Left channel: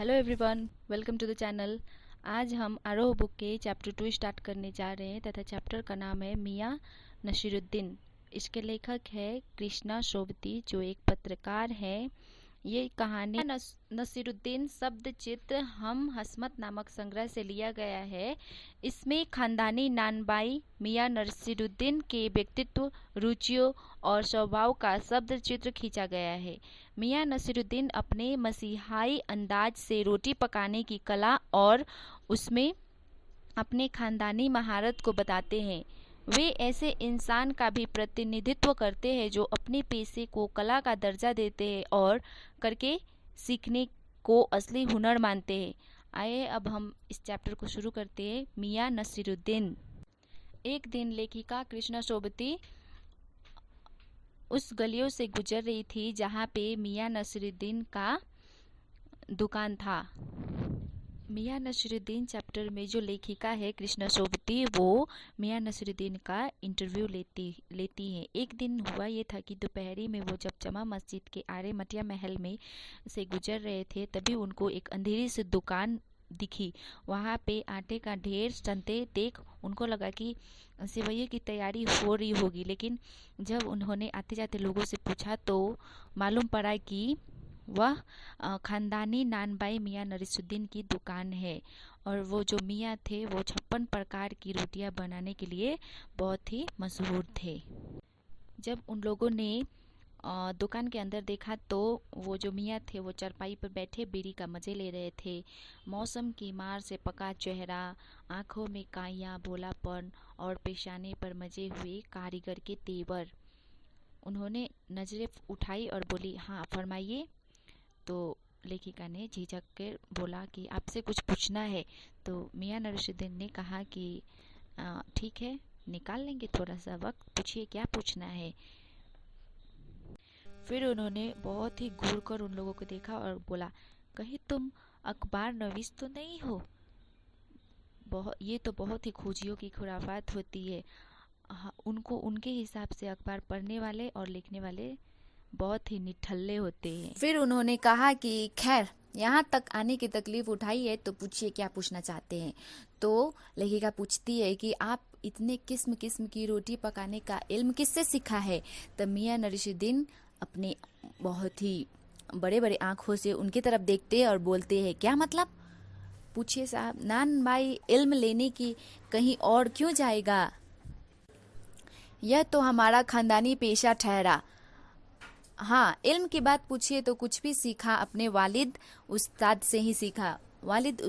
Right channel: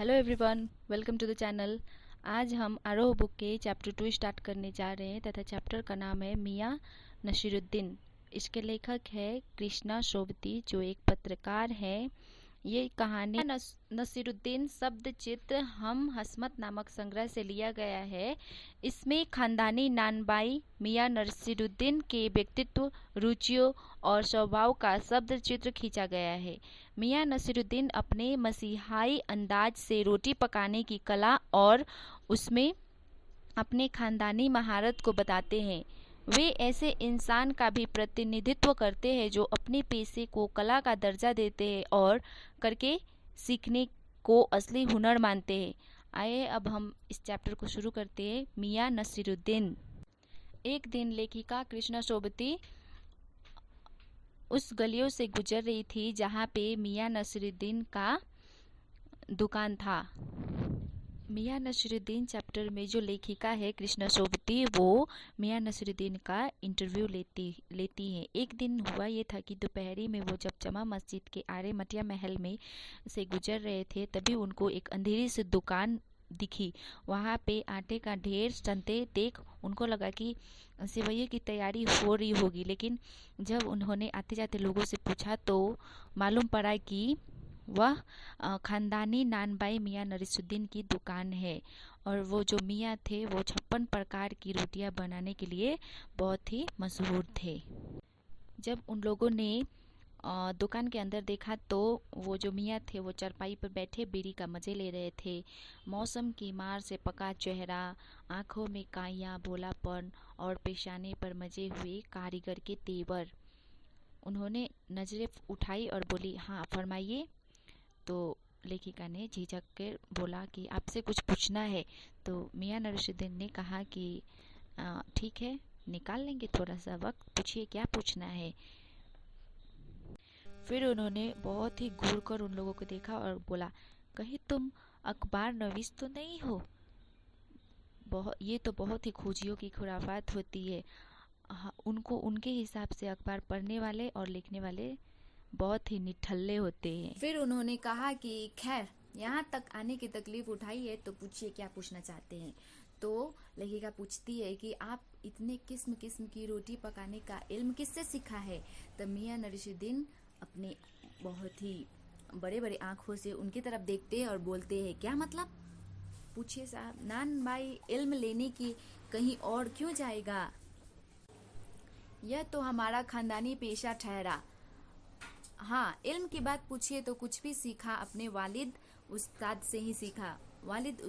Hello everyone, welcome to the channel. आज हम आरोह बुक के चैप्टर 2 स्टार्ट करने जा रहे हैं तथा चैप्टर का नाम है मियाँ नसीरुद्दीन। इसके लेखक है कृष्णा सोबती, जो एक पत्रकार है। ये कहानी नसीरुद्दीन शब्द चित्र हम हसमत नामक संग्रह से लिया गया है। इसमें खानदानी नानबाई मियाँ नसीरुद्दीन के व्यक्तित्व, रुचियों और स्वभाव का शब्द चित्र खींचा गया है। मियाँ नसीरुद्दीन अपने मसीहाई अंदाज से रोटी पकाने की कला और उसमें अपने खानदानी महारत को बताते हैं। वे ऐसे इंसान का भी प्रतिनिधित्व करते हैं जो अपने पेशे को कला का दर्जा देते हैं और करके सीखने को असली हुनर मानते हैं। आइए अब हम इस चैप्टर को शुरू करते हैं। मियाँ नसीरुद्दीन। एक दिन लेखिका कृष्णा सोबती उस गलियों से गुजर रही थी जहाँ पे मियाँ नसीरुद्दीन का दुकान था। मियाँ नसीरुद्दीन चैप्टर में जो लेखिका है कृष्णा सोबती, वो मियाँ नसीरुद्दीन का इंटरव्यू लेती है। एक दिन हुआ ये था कि दोपहरी में वो जब जमा मस्जिद के आरे मटिया महल में से गुजर रहे थे, तभी उनको एक अंधेरी सी दुकान दिखी। वहाँ पे आटे का ढेर सनते देख उनको लगा कि सेवइयों की तैयारी हो रही होगी, लेकिन जब उन्होंने आते जाते लोगों से पूछा तो मालूम पड़ा कि वह खानदानी नानबाई मियाँ नसीरुद्दीन की दुकान है और वो जो मियाँ थे वो 56 प्रकार की रोटियां बनाने के लिए बहुत ही मशहूर थे। जब उन लोगों ने दुकान के अंदर देखा तो वो जो मियाँ थे वो चारपाई पर बैठे बीड़ी का मजे ले रहे थे। मौसम की मार से पका चेहरा, आंखों में काइयाँ, भोलापन और पेशाने पर मजे हुए कारीगर के तेवर। उन्होंने नजरें उठाई और बोली, हाँ फरमाइए। तो लेखिका ने झिझक कर बोला कि आपसे कुछ पूछना है। तो मियाँ नसीरुद्दीन ने कहा कि ठीक है, निकाल लेंगे थोड़ा सा वक्त, पूछिए क्या पूछना है। फिर उन्होंने बहुत ही घूर कर उन लोगों को देखा और बोला, कहीं तुम अखबार नवीस तो नहीं हो? ये तो बहुत ही खोजियों की खुराफात होती है। उनको उनके हिसाब से अखबार पढ़ने वाले और लिखने वाले बहुत ही निठल्ले होते हैं। फिर उन्होंने कहा कि खैर, यहाँ तक आने की तकलीफ उठाई है तो पूछिए क्या पूछना चाहते हैं। तो लेखिका पूछती है कि आप इतने किस्म किस्म की रोटी पकाने का इल्म किससे सीखा है? तब मियाँ नसीरुद्दीन अपने बहुत ही बड़े बड़े आंखों से उनकी तरफ देखते और बोलते हैं, क्या मतलब? पूछिए साहब, नान भाई इल्म लेने की कहीं और क्यों जाएगा? यह तो हमारा खानदानी पेशा ठहरा। हाँ, इल्म की बात पूछिए तो कुछ भी सीखा अपने वालिद उस्ताद से ही सीखा। वालिद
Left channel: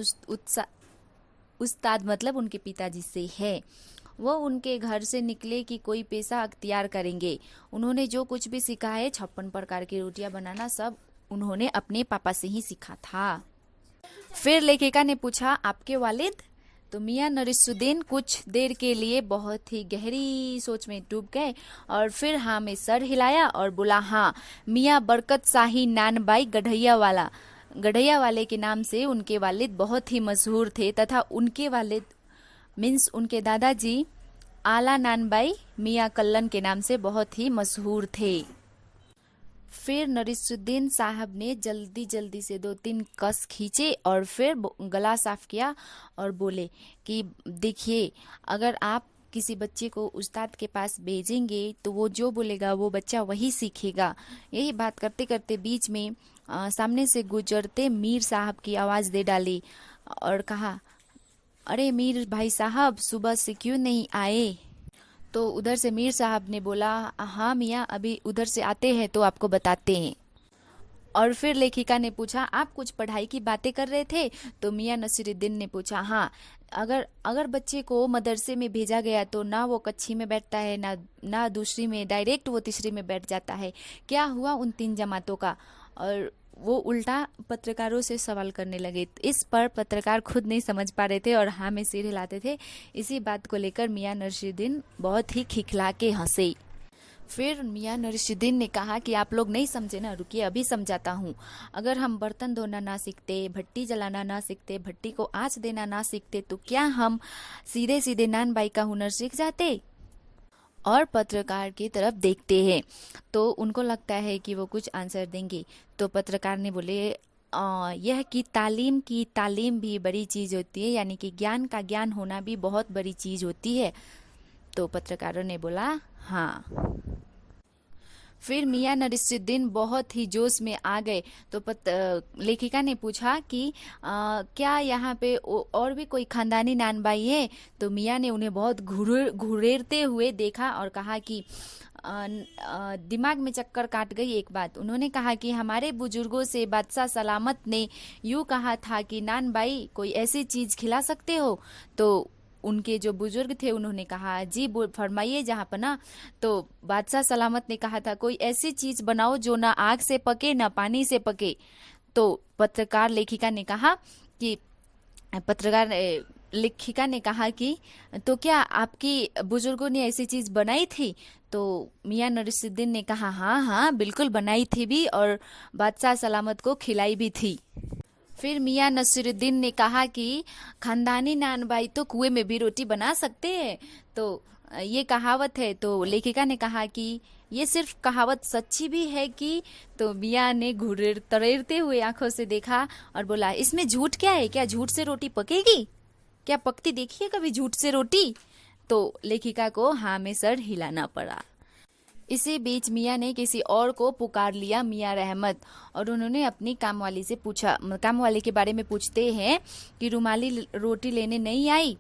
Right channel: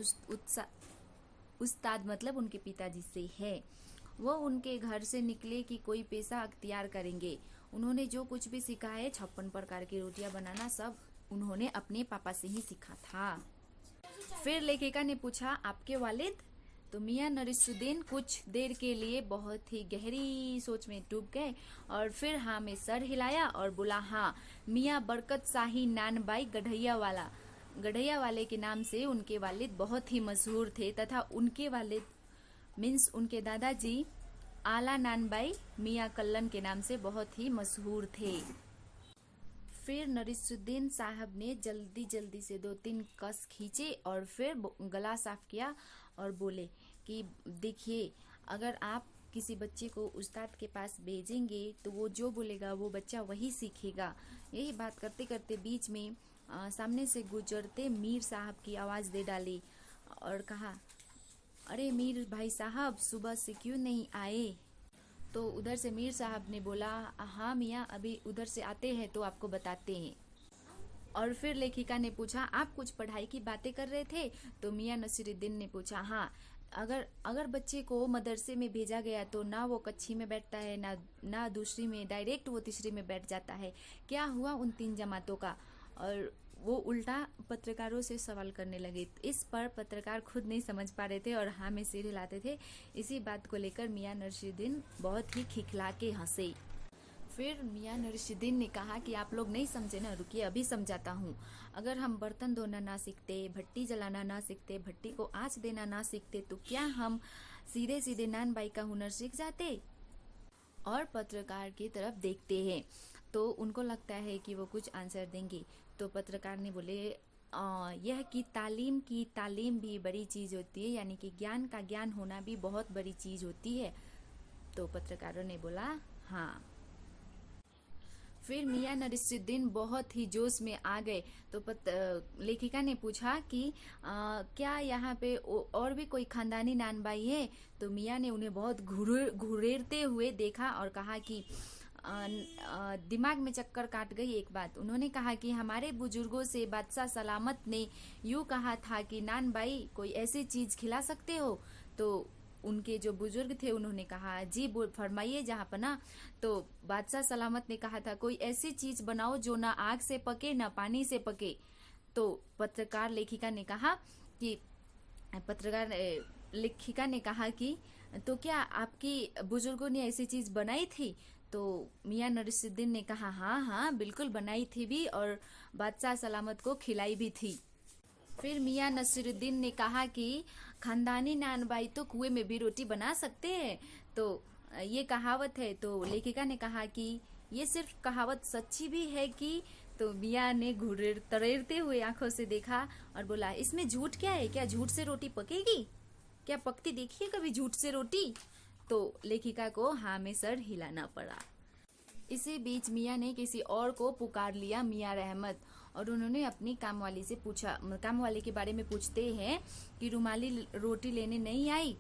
उस्ताद मतलब उनके पिताजी से है। वो उनके घर से निकले कि कोई पेशा अख्तियार करेंगे। उन्होंने जो कुछ भी सीखा है, 56 प्रकार की रोटियां बनाना, सब उन्होंने अपने पापा से ही सीखा था। फिर लेखिका ने पूछा, आपके वालिद? तो मियाँ नसीरुद्दीन कुछ देर के लिए बहुत ही गहरी सोच में डूब गए और फिर हाँ में सर हिलाया और बोला, हाँ, मियाँ बरकत शाही नानबाई गढ़ैया वाले के नाम से उनके वालिद बहुत ही मशहूर थे तथा उनके वालिद मीन्स उनके दादाजी आला नानबाई मियाँ कल्लन के नाम से बहुत ही मशहूर थे। फिर नसीरुद्दीन साहब ने जल्दी जल्दी से 2-3 कस खींचे और फिर गला साफ किया और बोले कि देखिए, अगर आप किसी बच्चे को उस्ताद के पास भेजेंगे तो वो जो बोलेगा वो बच्चा वही सीखेगा। यही बात करते करते बीच में सामने से गुजरते मीर साहब की आवाज़ दे डाली और कहा, अरे मीर भाई साहब, सुबह से क्यों नहीं आए? तो उधर से मीर साहब ने बोला, हाँ मियाँ, अभी उधर से आते हैं तो आपको बताते हैं। और फिर लेखिका ने पूछा, आप कुछ पढ़ाई की बातें कर रहे थे? तो मियाँ नसीरुद्दीन ने पूछा, हाँ, अगर बच्चे को मदरसे में भेजा गया तो ना वो कच्ची में बैठता है, ना दूसरी में, डायरेक्ट वो तीसरी में बैठ जाता है। क्या हुआ उन 3 जमातों का? और वो उल्टा पत्रकारों से सवाल करने लगे। इस पर पत्रकार खुद नहीं समझ पा रहे थे और हाँ में सिर हिलाते थे। इसी बात को लेकर मियाँ नसीरुद्दीन बहुत ही खिखला के हंसे। फिर मियाँ नसीरुद्दीन ने कहा कि आप लोग नहीं समझे ना, रुकिए अभी समझाता हूँ। अगर हम बर्तन धोना ना सीखते, भट्टी जलाना ना सीखते, भट्टी को आँच देना ना सीखते, तो क्या हम सीधे सीधे नान बाई का हुनर सीख जाते? और पत्रकार की तरफ देखते हैं तो उनको लगता है कि वो कुछ आंसर देंगे। तो पत्रकार ने बोले, यह कि तालीम की तालीम भी बड़ी चीज़ होती है, यानी कि ज्ञान का ज्ञान होना भी बहुत बड़ी चीज़ होती है। तो पत्रकारों ने बोला हाँ। फिर मियां नसीरुद्दीन बहुत ही जोश में आ गए। तो लेखिका ने पूछा कि क्या यहाँ पे और भी कोई खानदानी नानबाई है? तो मियां ने उन्हें बहुत घुरेरते हुए देखा और कहा कि दिमाग में चक्कर काट गई एक बात। उन्होंने कहा कि हमारे बुजुर्गों से बादशाह सलामत ने यूं कहा था कि नानबाई कोई ऐसी चीज खिला सकते हो? तो उनके जो बुजुर्ग थे उन्होंने कहा जी फरमाइए जहाँ पना। तो बादशाह सलामत ने कहा था कोई ऐसी चीज बनाओ जो ना आग से पके ना पानी से पके। तो पत्रकार लेखिका ने कहा कि लेखिका ने कहा कि तो क्या आपकी बुजुर्गों ने ऐसी चीज बनाई थी? तो मियां नसीरुद्दीन ने कहा हाँ हाँ बिल्कुल बनाई थी भी, और बादशाह सलामत को खिलाई भी थी। फिर मियां नसीरुद्दीन ने कहा कि खानदानी नानबाई तो कुएं में भी रोटी बना सकते हैं, तो ये कहावत है। तो लेखिका ने कहा कि ये सिर्फ कहावत सच्ची भी है कि? तो मियां ने तरेरते हुए आंखों से देखा और बोला इसमें झूठ क्या है? क्या झूठ से रोटी पकेगी? क्या पकती देखी है कभी झूठ से रोटी? तो लेखिका को हाँ में सर हिलाना पड़ा। इसी बीच मियां ने किसी और को पुकार लिया, मियां रहमत, और उन्होंने अपनी कामवाली से पूछा। कामवाली के बारे में पूछते हैं कि रुमाली रोटी लेने नहीं आई?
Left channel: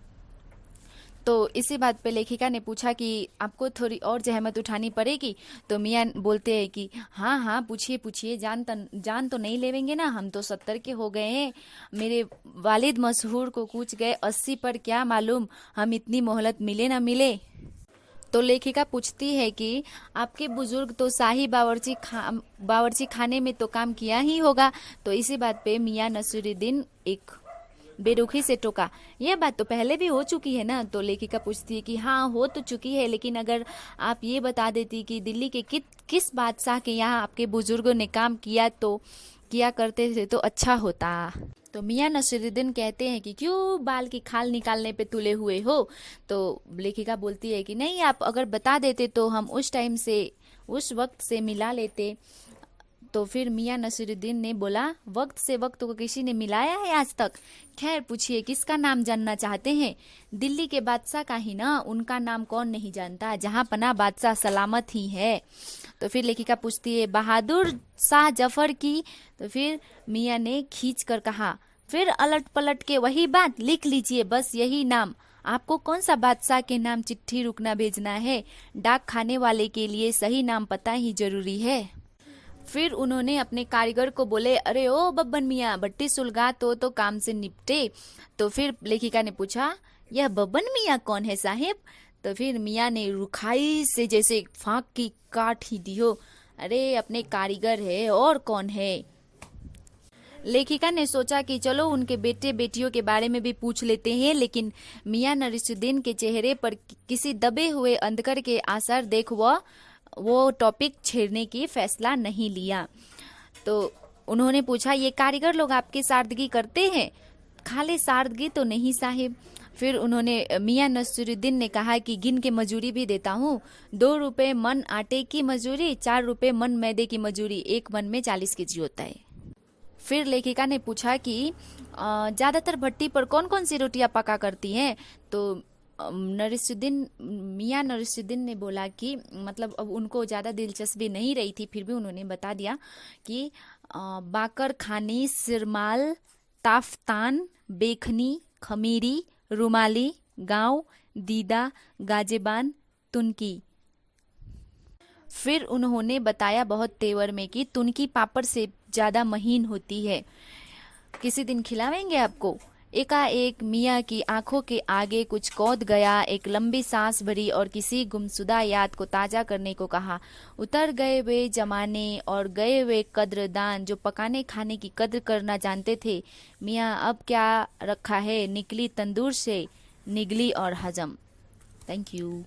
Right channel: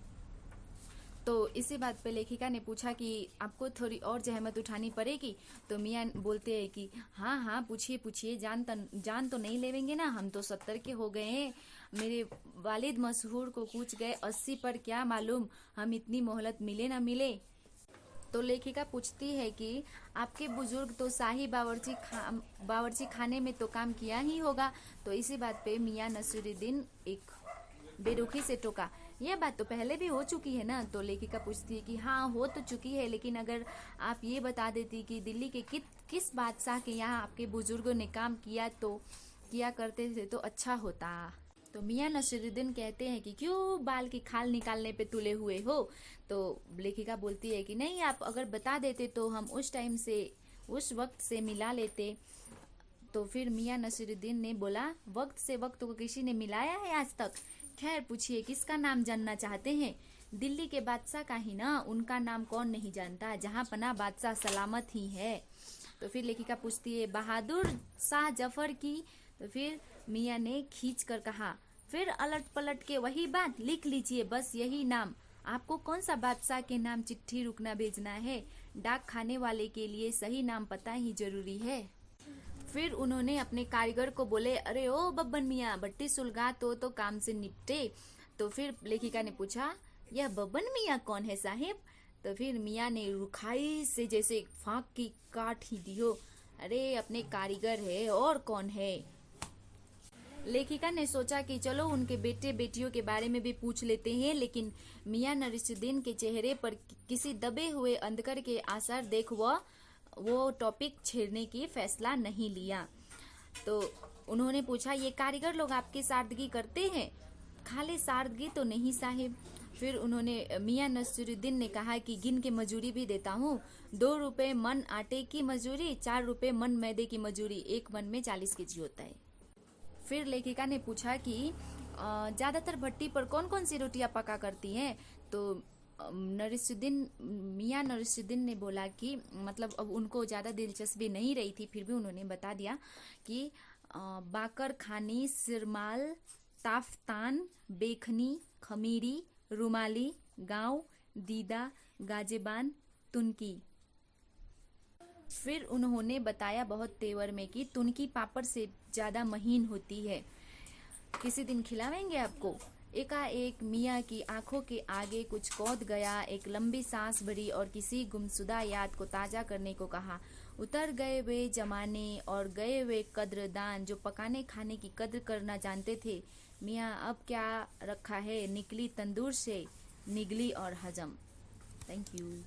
तो इसी बात पे लेखिका ने पूछा कि आपको थोड़ी और जहमत उठानी पड़ेगी? तो मियां बोलते हैं कि हाँ हाँ पूछिए पूछिए, जान तो नहीं लेवेंगे ना, हम तो 70 के हो गए हैं। मेरे वालिद मशहूर को कूच गए 80 पर, क्या मालूम हम इतनी मोहलत मिले ना मिले। तो लेखिका पूछती है कि आपके बुजुर्ग तो शाही बावर्ची खाने में तो काम किया ही होगा। तो इसी बात पे मियां नसीरुद्दीन एक बेरुखी से टोका यह बात तो पहले भी हो चुकी है ना? तो लेखिका पूछती है कि हाँ हो तो चुकी है, लेकिन अगर आप ये बता देती कि दिल्ली के किस बादशाह के यहाँ आपके बुजुर्गों ने काम किया करते थे तो अच्छा होता। तो मियां नसीरुद्दीन कहते हैं कि क्यों बाल की खाल निकालने पे तुले हुए हो? तो लेखिका बोलती है कि नहीं, आप अगर बता देते तो हम उस वक्त से मिला लेते। तो फिर मियां नसीरुद्दीन ने बोला वक्त से वक्त को किसी ने मिलाया है आज तक? खैर पूछिए किसका नाम जानना चाहते हैं? दिल्ली के बादशाह का ही ना, उनका नाम कौन नहीं जानता, जहां पना बादशाह सलामत ही है। तो फिर लेखिका पूछती है बहादुर शाह जफर की? तो फिर मियां ने खींच कर कहा फिर अलट पलट के वही बात, लिख लीजिए बस यही नाम। आपको कौन सा बादशाह के नाम चिट्ठी रुकना भेजना है? डाक खाने वाले के लिए सही नाम पता ही जरूरी है। फिर उन्होंने अपने कारीगर को बोले अरे ओ बब्बन मियाँ भट्टी सुलगा तो काम से निपटे। तो फिर लेखिका ने पूछा यह बब्बन मियाँ कौन है साहिब? तो फिर मियाँ ने रुखाई से जैसे फांक की काट ही दियो, अरे अपने कारीगर है और कौन है। लेखिका ने सोचा कि चलो उनके बेटे बेटियों के बारे में भी पूछ लेते हैं, लेकिन मियां नसीरुद्दीन के चेहरे पर किसी दबे हुए अंधकार के आसार देख वो टॉपिक छेड़ने की फैसला नहीं लिया। तो उन्होंने पूछा ये कारीगर लोग आपकी सादगी करते हैं? खाली सादगी तो नहीं साहिब। फिर उन्होंने मियां नसीरुद्दीन ने कहा कि गिन के मजूरी भी देता हूँ, 2 रुपए मन आटे की मजूरी, 4 रुपए मन मैदे की मजूरी, एक मन में 40 केजी होता है। फिर लेखिका ने पूछा कि ज्यादातर भट्टी पर कौन कौन सी रोटियां पका करती हैं? तो मियां नसीरुद्दीन ने बोला कि मतलब अब उनको ज़्यादा दिलचस्पी नहीं रही थी, फिर भी उन्होंने बता दिया कि बाकर खानी, सिरमाल, ताफ्तान, बेखनी, खमीरी, रुमाली, गांव, दीदा, गाजेबान, तुनकी। फिर उन्होंने बताया बहुत तेवर में कि तुनकी पापड़ से ज़्यादा महीन होती है, किसी दिन खिलावेंगे आपको। एकाएक मियाँ की आंखों के आगे कुछ कौद गया, एक लंबी सांस भरी और किसी गुमशुदा याद को ताजा करने को कहा। उतर गए वे जमाने और गए वे कद्रदान जो पकाने खाने की कद्र करना जानते थे। मियाँ अब क्या रखा है, निकली तंदूर से निगली और हजम। Thank you.